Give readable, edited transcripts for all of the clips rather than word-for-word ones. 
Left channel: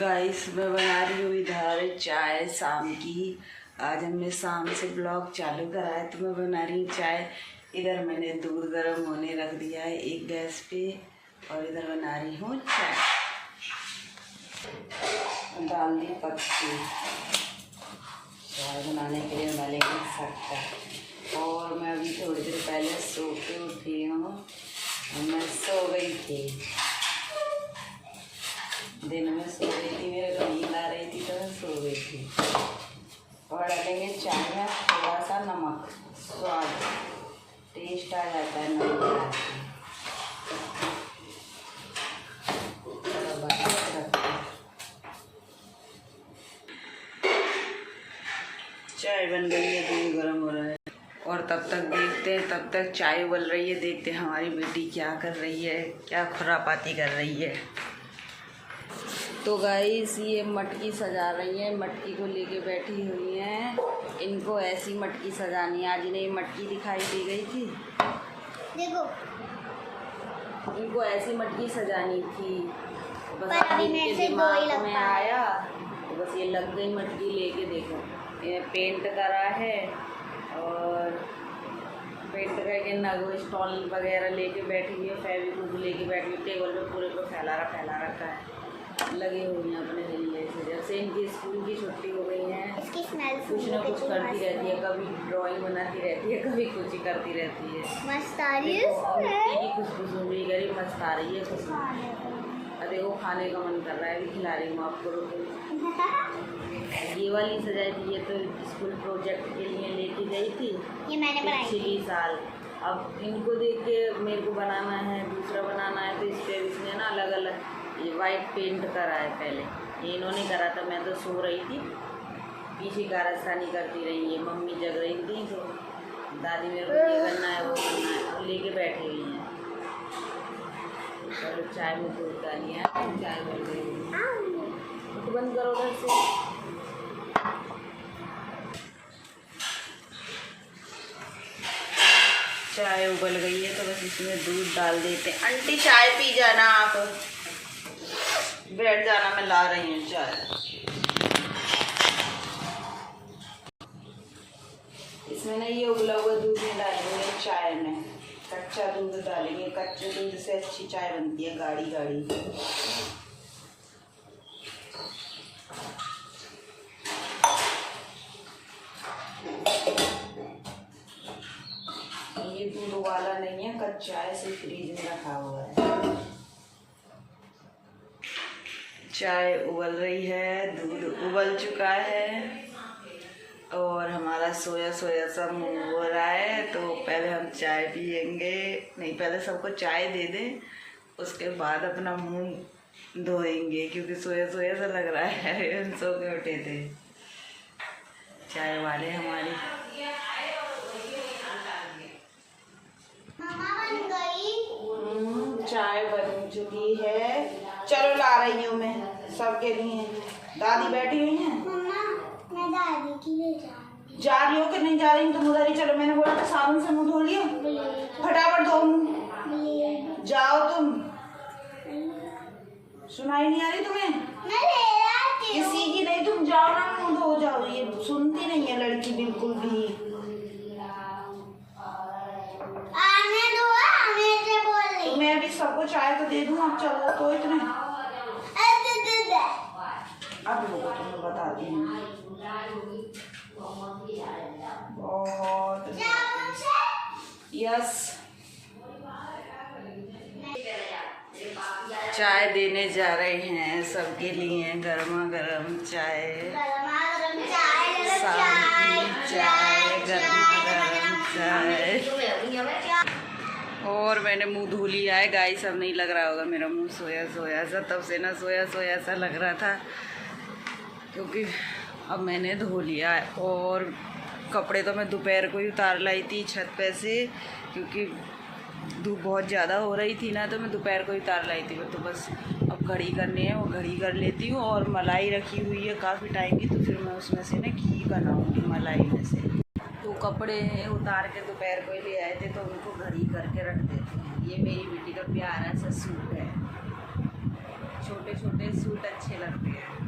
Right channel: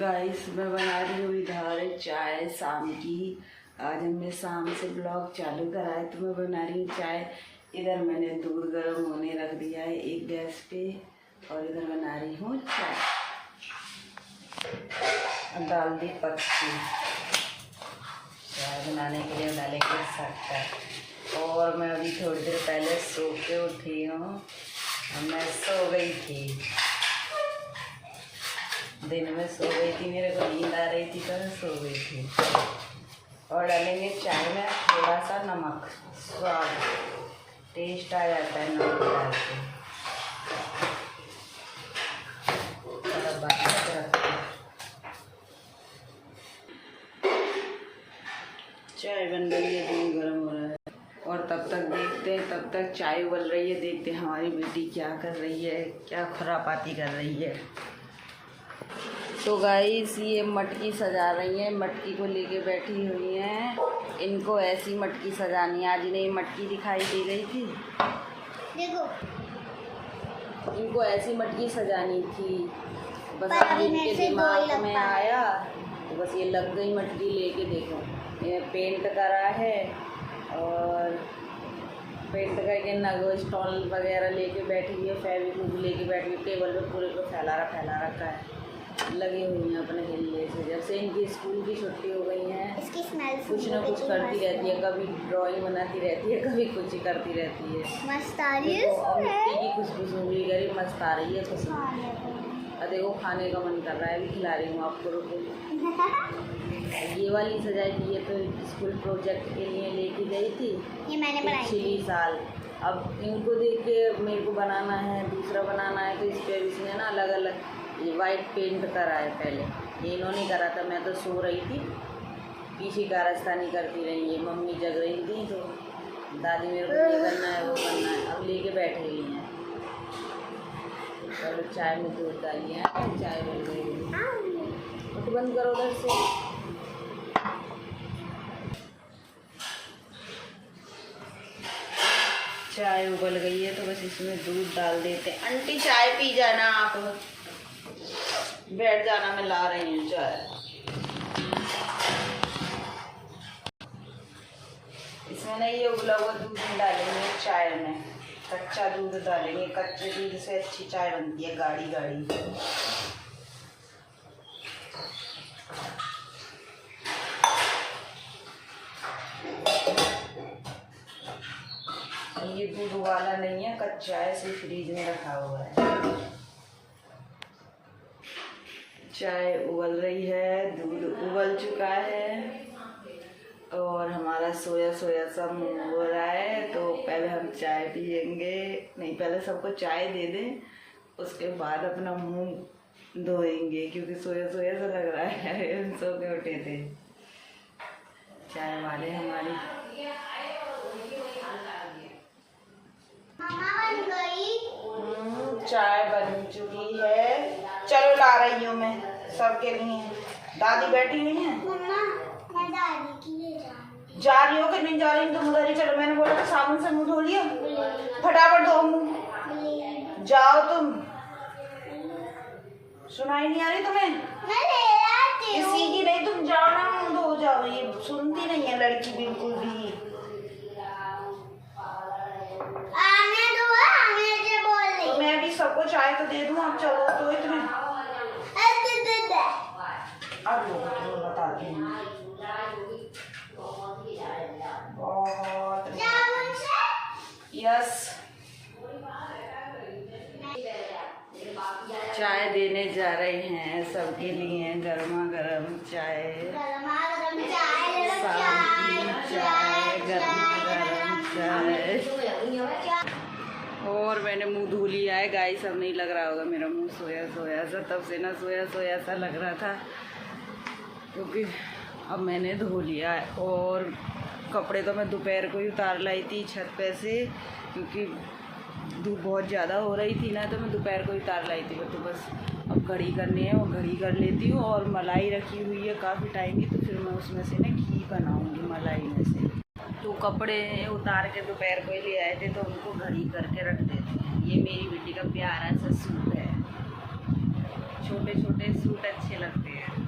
Guys मैं बना रही हूँ इधर चाय शाम की। आज हमने शाम से ब्लॉग चालू करा है तो मैं बना रही हूँ चाय। इधर मैंने दूध गर्म होने रख दिया है एक गैस पे और इधर बना रही हूँ चाय। डाल दी पत्ती। चाय बनाने के लिए डालेंगे शक्कर। और मैं अभी थोड़ी देर पहले सो के उठी हूँ। मैं सो गई थी, दिन में सो गई थी, मेरे को नींद आ रही थी तो मैं सो गई थी। और डालेंगे चाय में थोड़ा सा नमक, स्वाद टेस्ट आ जाता है नमक डाल के। चाय बन रही है, दूध गर्म हो रहा है और तब तक देखते हैं, तब तक चाय उबल रही है। देखते हैं हमारी बेटी क्या कर रही है, क्या खुरापाती कर रही है। तो गाइस ये मटकी सजा रही हैं, मटकी को लेके बैठी हुई हैं। इनको ऐसी मटकी सजानी है। आज इन्हें मटकी दिखाई दे गई थी, देखो इनको ऐसी मटकी सजानी थी, बस अभी इनके दिमाग में आया तो बस ये लग गई मटकी लेके। देखो ये पेंट करा है और पेंट करके नग स्टॉल वगैरह लेके बैठी हुई है, फेविक्विक लेके बैठी हुई, टेबल पे पूरे पे फैला रखा है। लगी हुई हैं अपने खेलने से। जब से इनकी स्कूल की छुट्टी हो गई है कुछ ना कुछ करती रहती है, कभी ड्राइंग बनाती रहती है, कभी कुछ ही करती रहती है। मस्त आ रही है, मिट्टी की खुशबू भी गरी मस्त आ रही है खुशबू। देखो खाने का मन कर रहा है, अभी खिला रही हूँ आपको। ये वाली सजाई थी, ये तो स्कूल प्रोजेक्ट के लिए लेके गई थी, ये मैंने बनाई पिछली साल। अब इनको देख के मेरे को बनाना है, दूसरा बनाना है, तो इस पर इसने ना अलग अलग ये वाइट पेंट करा है। पहले ये इन्होंने करा था, मैं तो सो रही थी, पीछे कारस्तानी करती रही। ये मम्मी जग रही थी तो दादी मेरे को ये करना है वो करना है, अब लेके बैठे हुई हैं। चलो चाय में दूध डाली है, चाय बन गई। तो बंद करो उधर से। चाय उबल गई है तो बस इसमें दूध डाल देते हैं। आंटी चाय पी जाना, आप बैठ जाना, मैं ला रही हूँ चाय। इसमें ना ये उबला हुआ दूध नहीं डालेंगे चाय में, कच्चा दूध डालेंगे। कच्चे दूध से अच्छी चाय बनती है, गाढ़ी गाढ़ी। ये दूध वाला नहीं है, कच्चा है, ऐसे फ्रीज में रखा हुआ है। चाय उबल रही है, दूध उबल चुका है और हमारा सोया सोया सा मुँह हो रहा है। तो पहले हम चाय पियेंगे, नहीं पहले सबको चाय दे दें, उसके बाद अपना मुँह धोएंगे, क्योंकि सोया सोया सा लग रहा है। हम सो के उठे थे। चाय वाले हमारी चाय बन चुकी है। चलो ला रही हूँ मैं सबके लिए। दादी बैठी हुई हैं। मैं दादी के लिए जा रही हो कि नहीं जा रही तुम उधर ही चलो। मैंने बोला था साबुन से मुँह धो लियो, फटाफट धो मुँह, जाओ तुम। सुनाई नहीं आ रही तुम्हें? किसी की नहीं, तुम जाओ ना, मुँह धो जाओ। ये सुनती नहीं है लड़की बिल्कुल भी। तो मैं अभी सबको चाय तो दे दूँ, आप चलो तो इतने। अब लोगों को मैं बताती हूँ बहुत। यस, चाय देने जा रहे हैं सबके लिए, गर्मा गर्म चाय, शाम की चाय, गर्मा गर्म चाय। और मैंने मुंह धो लिया है गाइस। अब नहीं लग रहा होगा मेरा मुंह सोया सोया सा, तब से ना सोया सोया सा लग रहा था, क्योंकि अब मैंने धो लिया है। और कपड़े तो मैं दोपहर को ही उतार लाई थी छत पे से, क्योंकि धूप बहुत ज़्यादा हो रही थी ना, तो मैं दोपहर को ही उतार लाई थी। तो बस अब घड़ी करनी है, वो घड़ी कर लेती हूँ। और मलाई रखी हुई है काफ़ी टाइम की, तो फिर मैं उसमें से ना घी बनाऊँगी मलाई में से। तो कपड़े उतार के दोपहर को ही ले आए थे, तो उनको घड़ी करके रख देते हैं। ये मेरी बेटी का प्यारा सा सूट है, छोटे छोटे सूट अच्छे लगते हैं।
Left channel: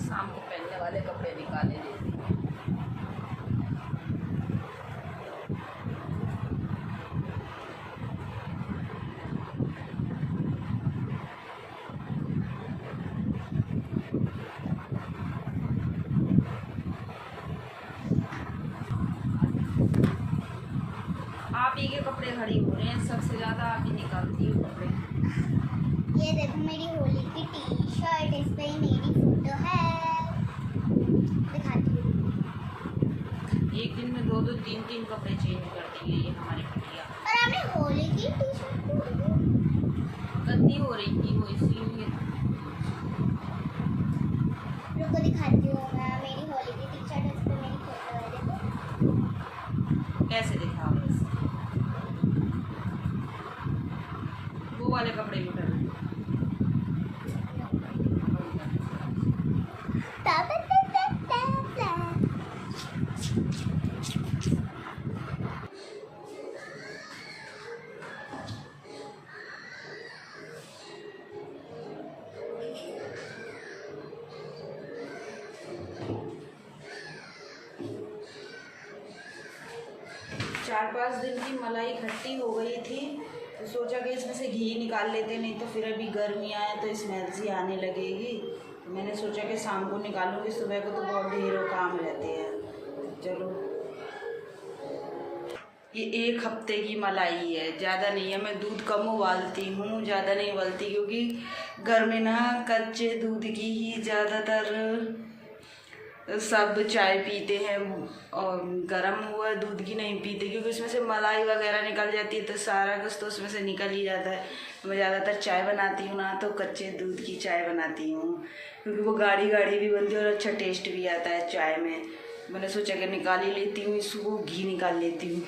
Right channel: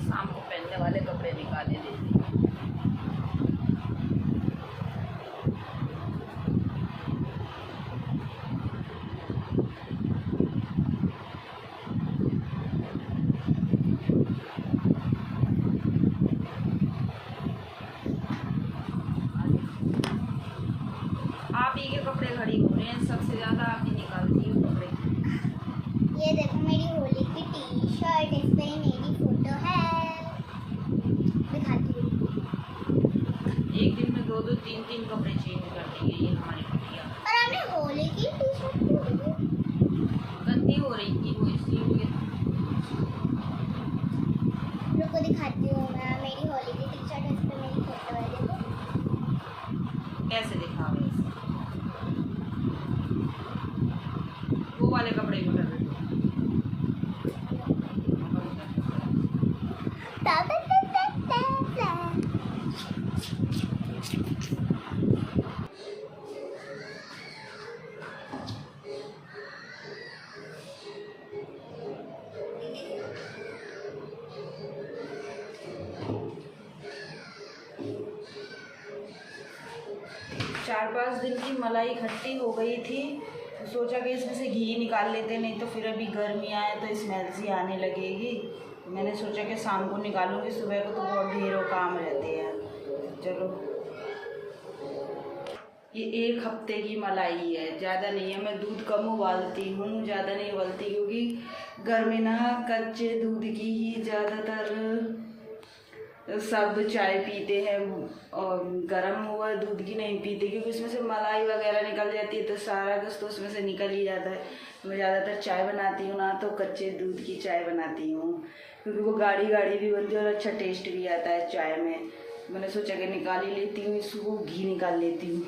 शाम को पहनने वाले कपड़े निकाले लेते हैं। आप ही के कपड़े खड़ी हो रहे हैं, सबसे ज़्यादा आप ही निकालती हो कपड़े। ये देखो मेरी होली की टी शर्ट, इस पे मेरी फोटो है, दिखाती हूँ। एक दिन में 2-2 3-3 कपड़े चेंज करती है ये हमारी बिटिया। और आपने होली की टी शर्ट क्यों दी? गंदी हो रही थी वो, इसलिए। रुको दिखाती हूँ मैं, मेरी होली की टी शर्ट, इस पे मेरी फोटो है, देखो। कैसे दिखाओ ऐसे? वो वाले कपड़े भी कर रहे थे। ता ता ता ता ता ता। 4-5 दिन की मलाई खट्टी हो गई थी, तो सोचा कि इसमें से घी निकाल लेते, नहीं तो फिर अभी गर्मी आए तो स्मेल सी आने लगेगी। तो मैंने सोचा कि शाम को निकालूंगी, सुबह को तो बहुत ढेरों काम रहते हैं। चलो, ये 1 हफ्ते की मलाई है, ज़्यादा नहीं है। मैं दूध कम उबालती हूँ, ज़्यादा नहीं उबालती, क्योंकि घर में ना कच्चे दूध की ही ज़्यादातर सब चाय पीते हैं, और गर्म हुआ दूध की नहीं पीते, क्योंकि उसमें से मलाई वगैरह निकल जाती है, तो सारा कुछ तो उसमें से निकल ही जाता है। मैं ज़्यादातर चाय बनाती हूँ ना, तो कच्चे दूध की चाय बनाती हूँ, क्योंकि वो गाढ़ी गाढ़ी भी बनती है और अच्छा टेस्ट भी आता है चाय में। मैंने सोचा कि निकाल ही लेती हूँ, इसको घी निकाल लेती हूँ।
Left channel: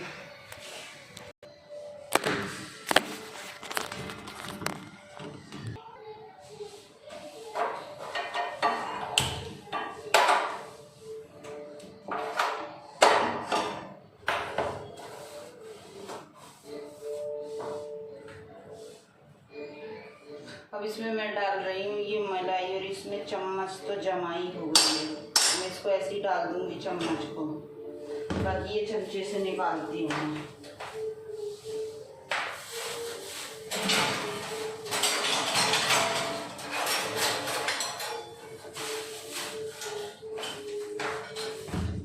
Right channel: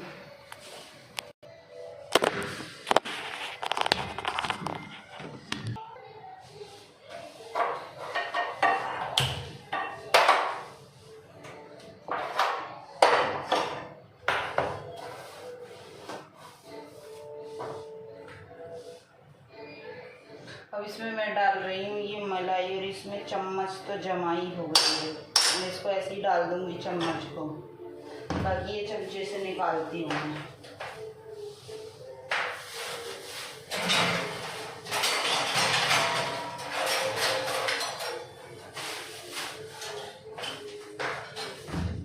अब इसमें मैं डाल रही हूँ ये मलाई, और इसमें चम्मच तो जमाई हो गई है। मैं इसको ऐसे ही डाल दूँगी चम्मच को, बाकी ये चमचे से निकालती हूँ।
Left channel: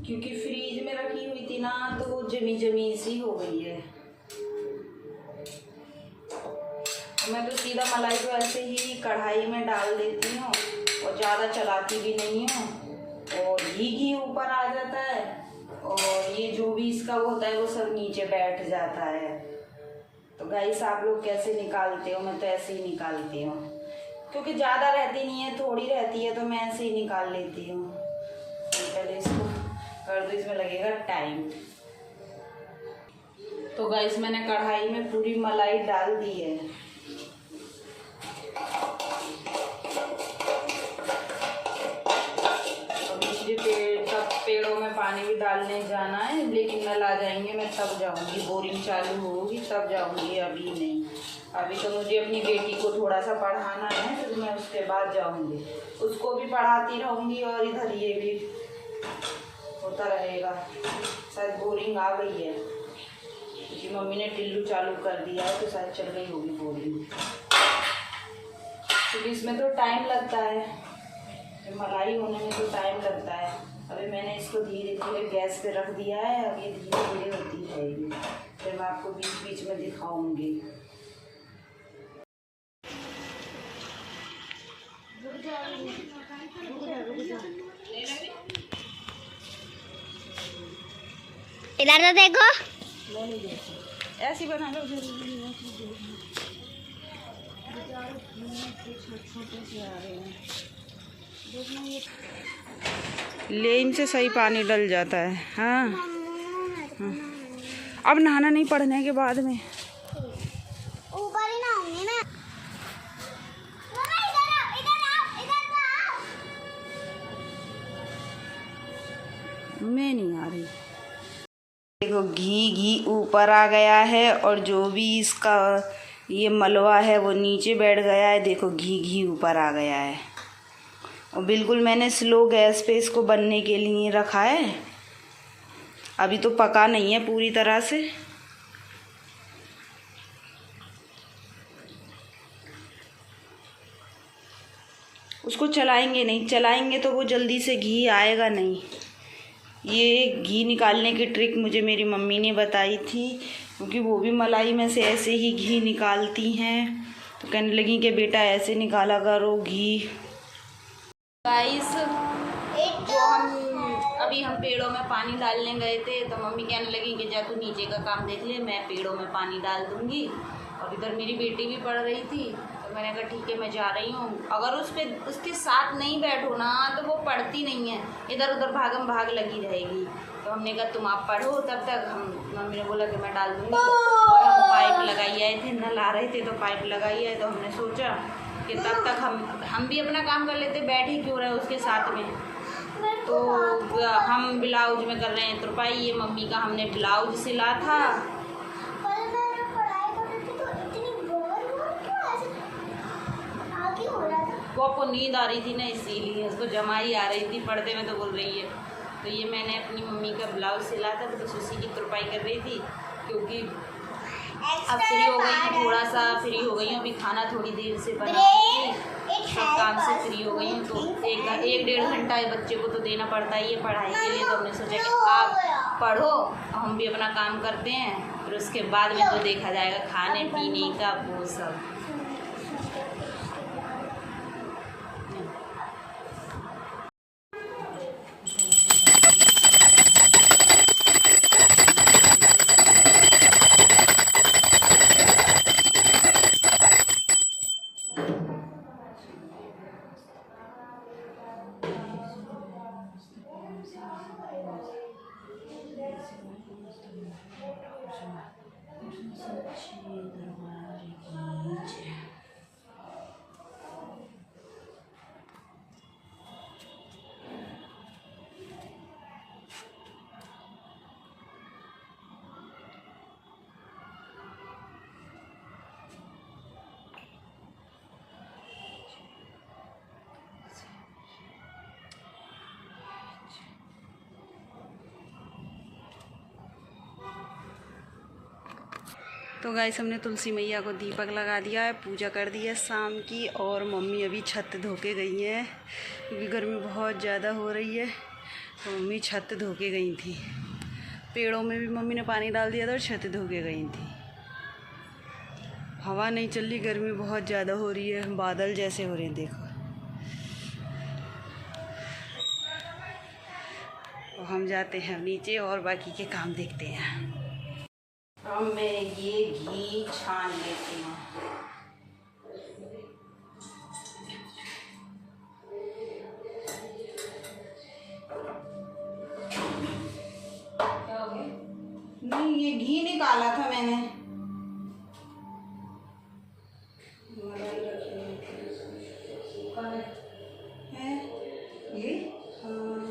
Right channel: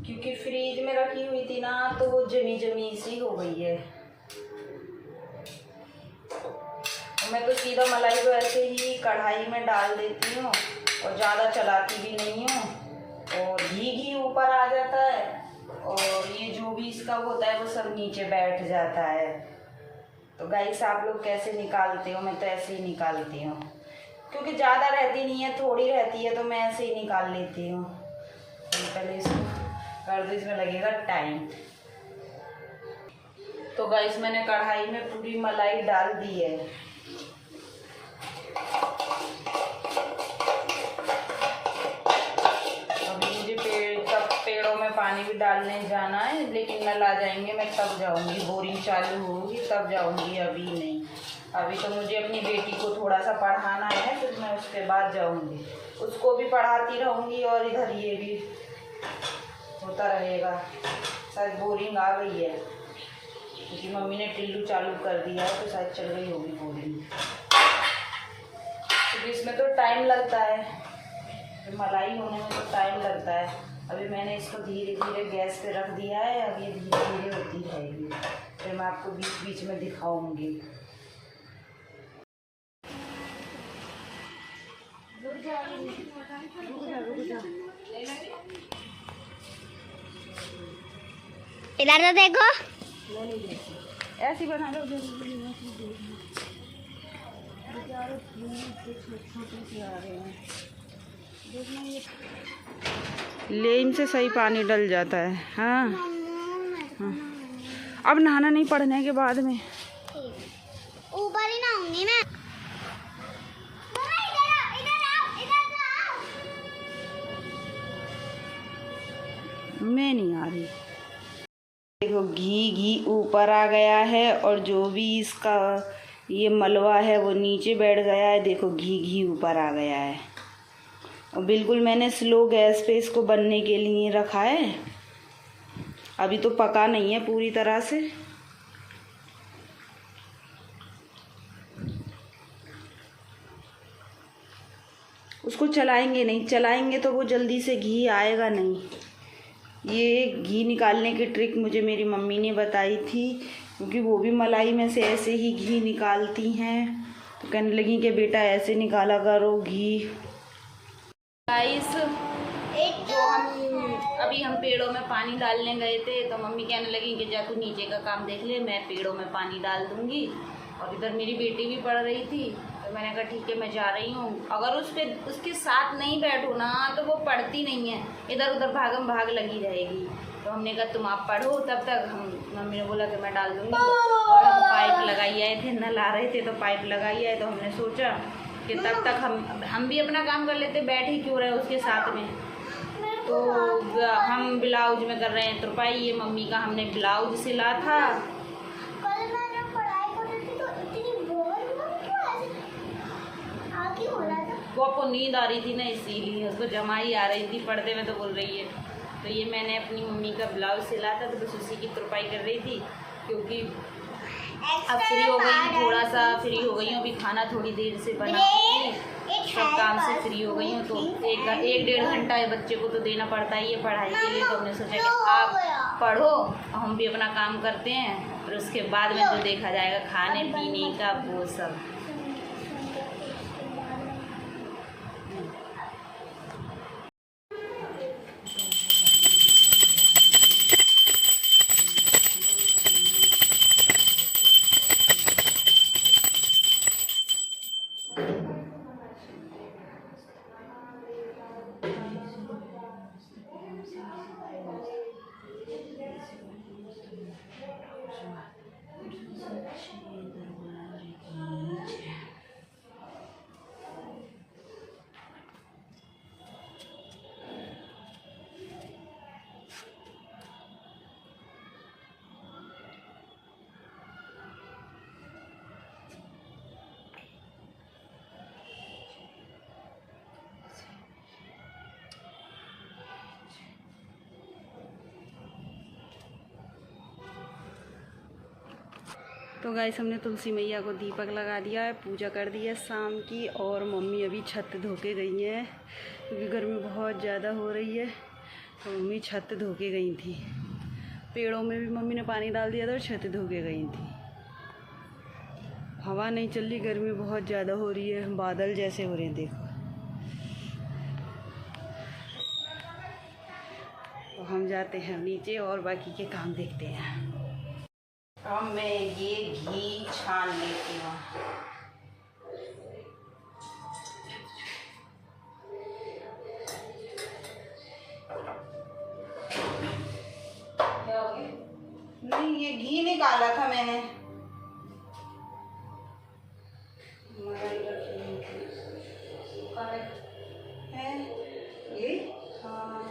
क्योंकि फ्रीज में रखी हुई थी ना, तो वो जमी जमी सी हो गई है। मैं तो सीधा मलाई को ऐसे ही कढ़ाई में डाल देती हूँ, और ज़्यादा चलाती भी नहीं हूँ, और घी ऊपर आ जाता है, और ये जो भी इसका वो होता है वो सब नीचे बैठ जाता है। तो गाइस, आप लोग कैसे निकालते हो? मैं तो ऐसे ही निकालती हूँ, क्योंकि ज़्यादा रहती नहीं है, थोड़ी रहती है, तो मैं ऐसे ही निकाल लेती हूँ। पहले इसको कर दो, इसमें लगेगा टाइम। तो गाइस, मैंने कढ़ाई में पूरी मलाई डाल दी है। पेड़ों में पानी भी डालने जाना है, लेकिन नल आ जाएंगे, मैं तब जाऊंगी, बोरिंग चालू होगी तब जाऊंगी, अभी नहीं। अभी तो मुझे अपनी बेटी को थोड़ा सा पढ़ाना है, फिर मैं उसके बाद जाऊंगी। उसको भी पढ़ाती रहूंगी और इधर ये भी होता रहेगा। शायद बोरिंग आ गई है। क्योंकि मम्मी ने टिल्लू चालू कर दिया है तो शायद चल गई होगी बोरिंग, क्योंकि इसमें तो टाइम लगता है, मलाई होने में तो टाइम लगता है। अभी मैंने इसको धीरे धीरे गैस पे रख दिया है, अब ये धीरे धीरे होती रहेगी, फिर मैं आपको बीच बीच में दिखाऊंगी। रुक जा। इधर तो देखो, नहीं देखो, ऐसी बना लो छोटे से आ रहे हैं, देखना ये लेन से सही पानी डल जाता है। हाँ, हाँ। अब नहाना नहीं, पढ़ने के बाद में ऊपर ही नहाऊंगी मैं। मैं नहीं आ रही। देखो घी ऊपर आ गया है और जो भी इसका ये मलवा है वो नीचे बैठ गया है। देखो घी ऊपर आ गया है और बिल्कुल मैंने स्लो गैस पे इसको बनने के लिए रखा है। अभी तो पका नहीं है पूरी तरह से। उसको चलाएंगे तो वो जल्दी से घी आएगा नहीं। ये घी निकालने की ट्रिक मुझे मेरी मम्मी ने बताई थी, क्योंकि वो भी मलाई में से ऐसे ही घी निकालती हैं। तो कहने लगी कि बेटा ऐसे निकाला करो घी। गाइस, जो हम पेड़ों में पानी डालने गए थे तो मम्मी कहने लगी कि जा तू नीचे का काम देख ले, मैं पेड़ों में पानी डाल दूँगी। अब इधर मेरी बेटी भी पढ़ रही थी तो मैंने कहा ठीक है मैं जा रही हूँ। अगर उसके साथ नहीं बैठो ना तो वो पढ़ती नहीं है, इधर उधर भागम भाग लगी रहेगी। तो हमने कहा तुम आप पढ़ो तब तक। मम्मी ने बोला कि मैं डाल दूँगी। और हम पाइप लगाई आए थे, नल आ रहे थे तो पाइप लगाई आए। तो हमने सोचा कि तब तक हम भी अपना काम कर लेते, बैठ ही क्यों रहे उसके साथ में। तो हम ब्लाउज में कर रहे हैं तुरपाई। ये मम्मी का हमने ब्लाउज सिला था। वो आपको नींद आ रही थी ना, इसीलिए उसको जमाई आ रही थी, पर्दे में तो बोल रही है। तो ये मैंने अपनी मम्मी का ब्लाउज सिला था तो बस उसी की तुरपाई कर रही थी, क्योंकि अब फ्री हो गई हूँ, थोड़ा सा फ्री हो गई हूँ। अभी खाना थोड़ी देर से बना थी, सब काम से फ्री हो गई हूँ। तो एक डेढ़ घंटा बच्चे को तो देना पड़ता ही है पढ़ाई के लिए। तो हमने सोचा कि आप पढ़ो और हम भी अपना काम करते हैं, फिर उसके बाद में तो देखा जाएगा खाने पीने का वो सब। तो गाइस, हमने तुलसी मैया को दीपक लगा दिया है, पूजा कर दी है शाम की। और मम्मी अभी छत धो के गई हैं, क्योंकि गर्मी बहुत ज़्यादा हो रही है। तो मम्मी छत धो के गई थी। पेड़ों में भी मम्मी ने पानी डाल दिया था और छत धो के गई थी। हवा नहीं चल रही, गर्मी बहुत ज़्यादा हो रही है, बादल जैसे हो रहे हैं देखो। तो हम जाते हैं नीचे और बाकी के काम देखते हैं। अब मैं ये घी छान लेती हूँ। नहीं, ये घी निकाला था मैंने। है ये? हाँ,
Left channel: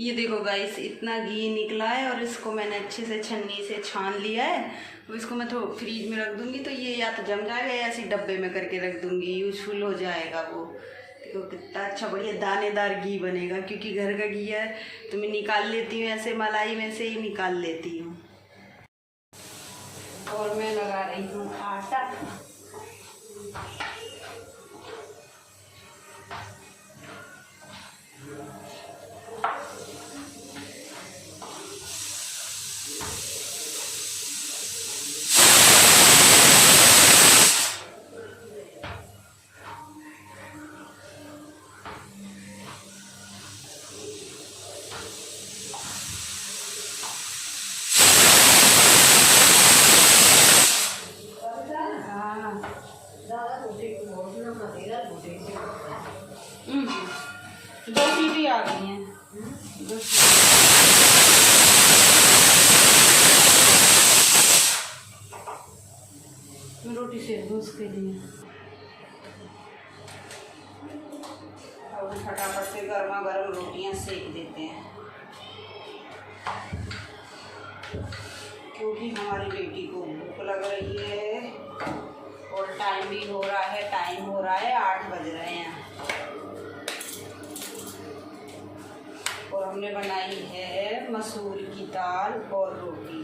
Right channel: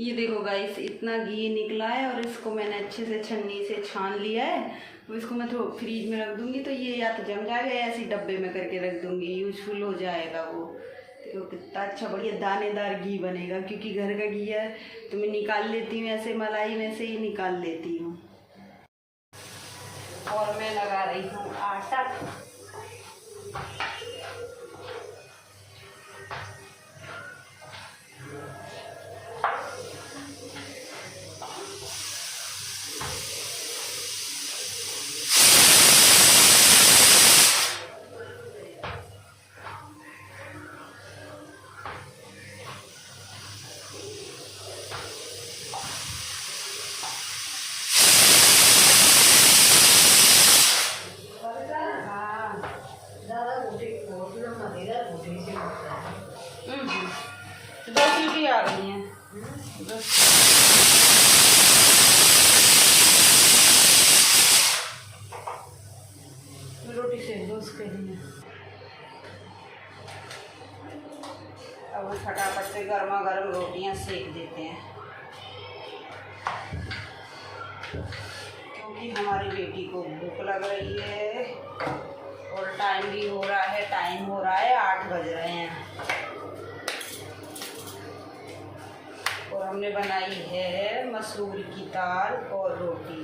ये देखो गाइस, इतना घी निकला है और इसको मैंने अच्छे से छन्नी से छान लिया है। तो इसको मैं थोड़ा फ्रीज में रख दूंगी, तो ये या तो जम जाएगा या ऐसे डब्बे में करके रख दूंगी, यूजफुल हो जाएगा वो। देखो कितना अच्छा बढ़िया दानेदार घी बनेगा, क्योंकि घर का घी है तो मैं निकाल लेती हूँ, ऐसे मलाई में से ही निकाल लेती हूँ। और मैं लगा रही हूँ आटा। दो सीटी आ गई हैं। रोटी सेक दो उसके लिए। अब फटाफट से गर्मा गर्म रोटियां सेक देते हैं, क्योंकि हमारी बेटी को भूख लग रही है और टाइम भी हो रहा है, 8 बज रहे हैं। और हमने बनाई है मसूर की दाल और रोटी,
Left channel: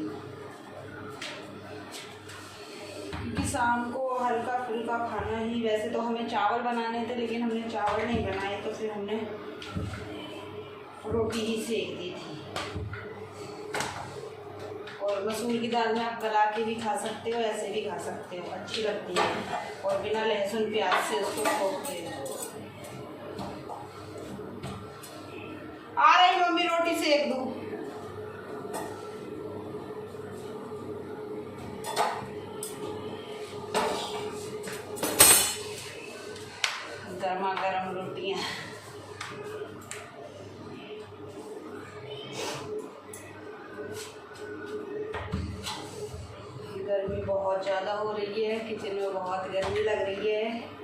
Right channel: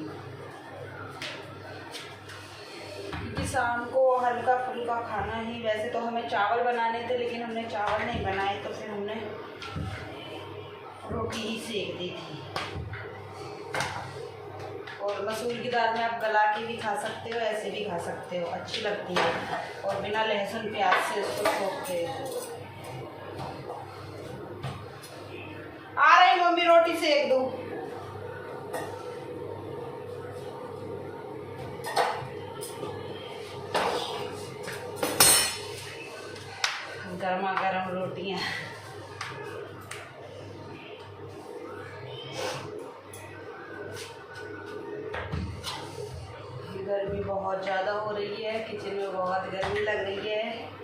क्योंकि शाम को हल्का फुल्का खाना ही। वैसे तो हमें चावल बनाने थे, लेकिन हमने चावल नहीं बनाए, तो फिर हमने रोटी ही सेक दी थी। और मसूर की दाल में आप गला के भी खा सकते हो, ऐसे भी खा सकते हो, अच्छी लगती है। और बिना लहसुन प्याज से उसको ठोकते हो। आ रही मम्मी, रोटी सेक दो। गर्मा गर्म रोटियां। गर्मी बहुत ज़्यादा हो रही है, किचन में बहुत गर्मी लग रही है।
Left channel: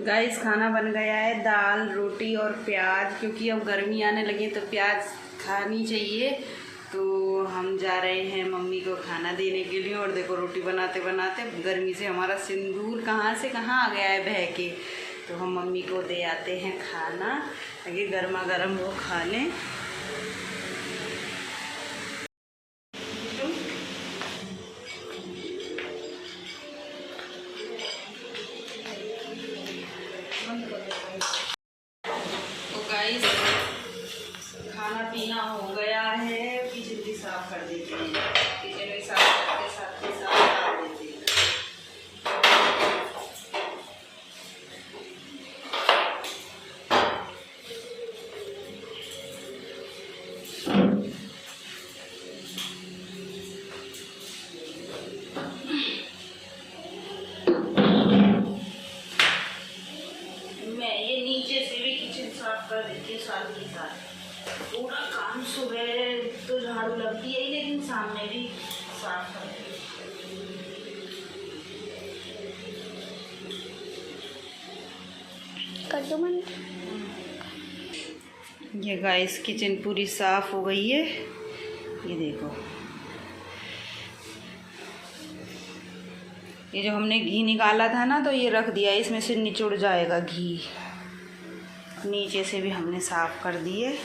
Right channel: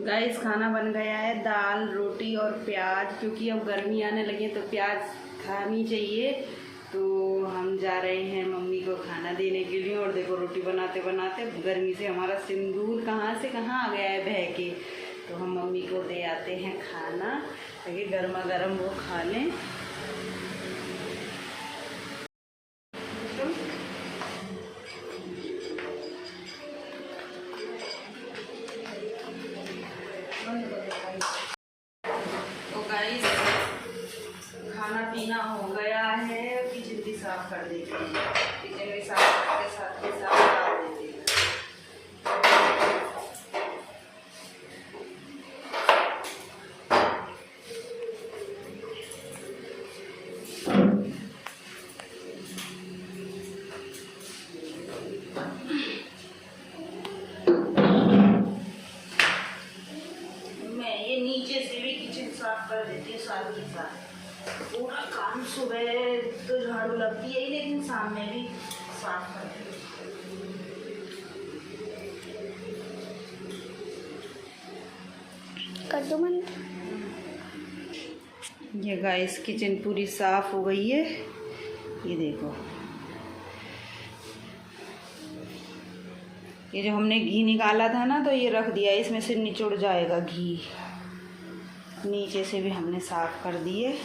गाइस, खाना बन गया है, दाल रोटी और प्याज। क्योंकि अब गर्मी आने लगी है तो प्याज खानी चाहिए, तो हम जा रहे हैं मम्मी को खाना देने के लिए। और देखो रोटी बनाते बनाते गर्मी से हमारा सिंदूर कहाँ से कहाँ आ गया है बह के। तो हम मम्मी को दे आते हैं खाना, ताकि गर्मा गर्म वो खा लें। तो गाइस, खाना पीना हो गया है, किचन भी साफ कर देते हैं। किचन भी साफ करके साथ ही साफ कर देते हैं। झाड़ू लगती है ही, लेकिन सामने भी साफ करती है। कर दो बंद। ये गाइस किचन पूरी साफ हो गई है, ये देखो। ये जो हमने घी निकाला था ना, तो ये रख दिया, इसमें से निचुड़ जाएगा घी। नीचे से भी हमने साफ कर दिए।